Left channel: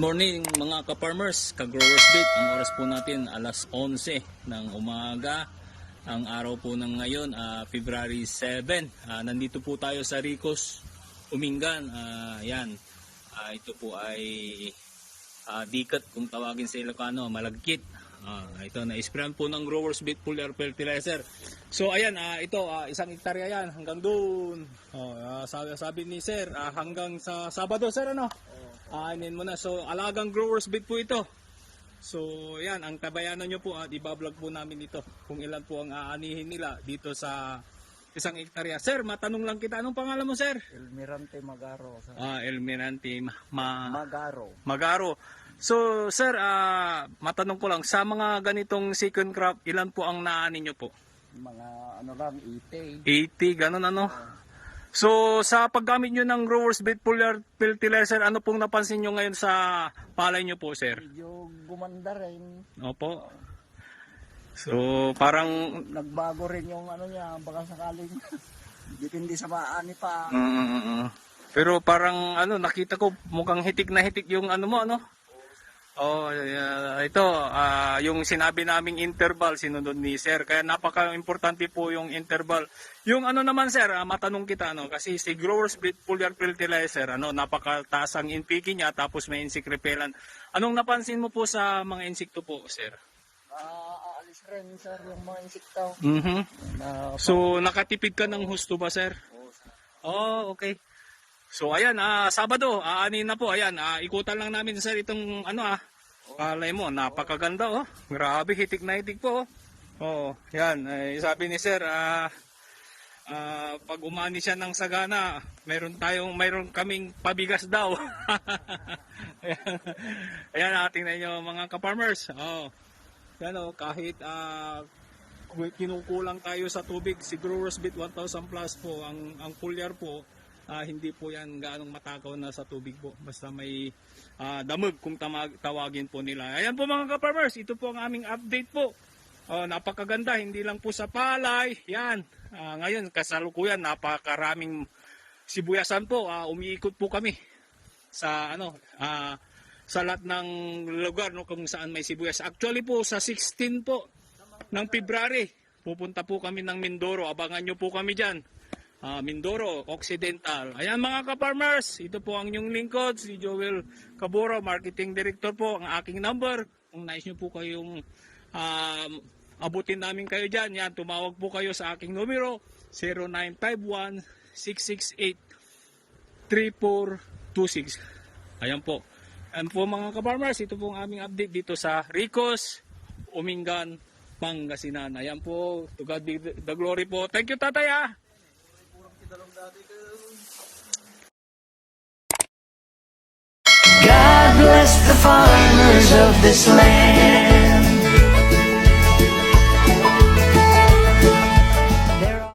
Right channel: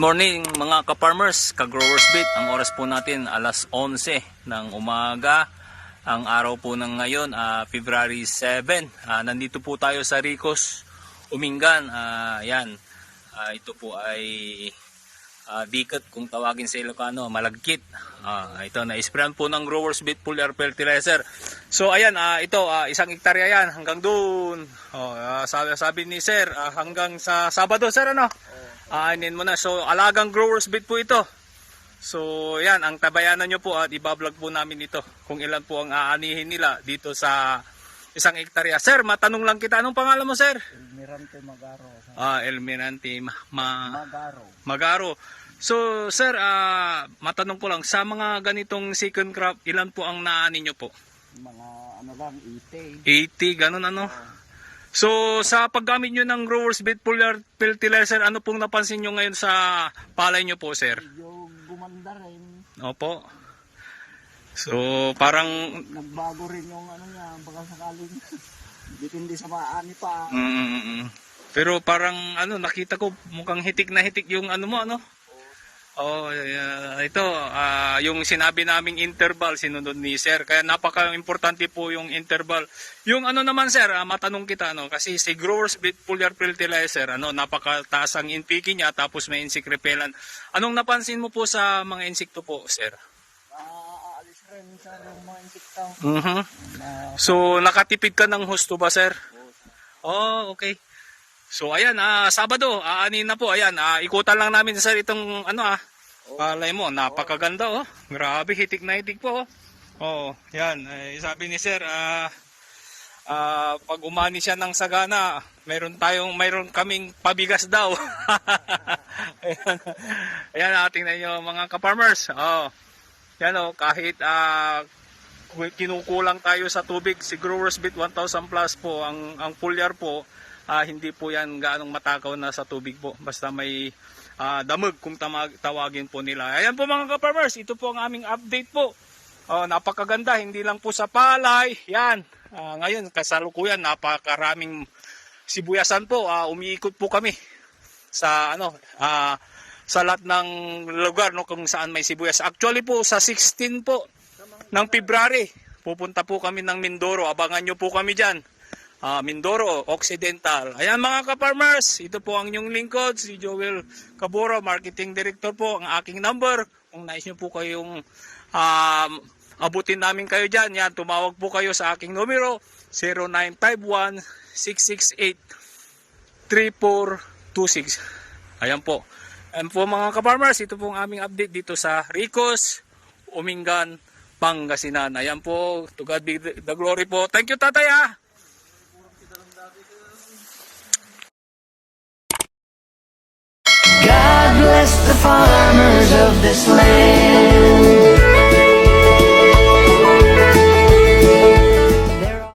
morning mga ka-farmers, ka-growers bit. Ang oras po natin alas 11 ng umaga. Ang araw po ng ngayon, February 7. Nandito po tayo sa Ricos, Umingan. Yan. Ito po ay dikat kung tawagin sa Ilocano, malagkit. Ito na-sprayan po ng growers bit foliar fertilizer. So ayan, ito isang hektarya yan hanggang doon. Sabi ni sir, hanggang sa Sabado sir, ano? Anin mo na. So alagang growers bit po ito. So yan, ang tabayanan nyo po at ibablog po namin ito kung ilan po ang aanihin nila dito sa isang hektarya. Sir, matanong lang kita, anong pangalan mo sir? Elmirante Magaro. Elmirante Magaro. Magaro. So sir, matanong ko lang, sa mga ganitong second crop, ilan po ang naani nyo po? Mga ano lang, 80. 80, ganun ano? So sa paggamit nyo ng growers bit foliar fertilizer, ano pong napansin nyo ngayon sa palay nyo po sir? Medyo gumanda rin. Opo. So parang Nagbago rin yung ano niya, baka sakaling dipindi sa maani pa. Pero parang ano, nakita ko mukhang hitik na hitik yung ano mo, ano? Ito yung sinabi naming interval sinunod ni sir, kaya napaka-importante po yung interval. Yung ano naman sir, matanong kita, ano, kasi si growers bit foliar fertilizer, ano, napakataas ang NPK niya, tapos may insect repellent. Anong napansin mo po sa mga insekto po sir? Aalis rin sir yung mga insekto. So nakatipid ka ng husto ba sir? Okay. So ayan, Sabado, aanin na po. Ayan, ikutan lang namin sir itong ano palay mo, napakaganda oh. Grabe, hitik na hitik po oh. Yan, sabi ni sir, pag umani siya ng sagana, mayroon kaming pabigas daw. Ayan, tingnan niyo mga ka-farmers. Yan oh, kahit kinukulang tayo sa tubig, si growers bit 1000 plus po ang foliar po. Hindi po yan gaanong matakaw na sa tubig po. Basta may damag kung tawagin po nila. Ayan po mga ka-farmers, ito po ang aming update po. Napakaganda, hindi lang po sa palay. Yan, ngayon kasalukuyan napakaraming sibuyasan po. Umiikot po kami sa sa lahat ng lugar, no, kung saan may sibuyas. Actually po sa 16 po ng February, pupunta po kami ng Mindoro. Abangan nyo po kami dyan. Mindoro Occidental. Ayan mga ka-farmers, ito po ang inyong lingkod, si Joel Caboro, Marketing Director po. Ang aking number, kung nais nyo po kayong abutin namin kayo dyan, yan, tumawag po kayo sa aking numero 0951-668-3426. Ayan po. Ayan po mga ka-farmers, ito po ang aming update dito sa Ricos, Umingan, Pangasinan. Ayan po, to God be the glory po. Thank you tatay . God bless the farmers of this land.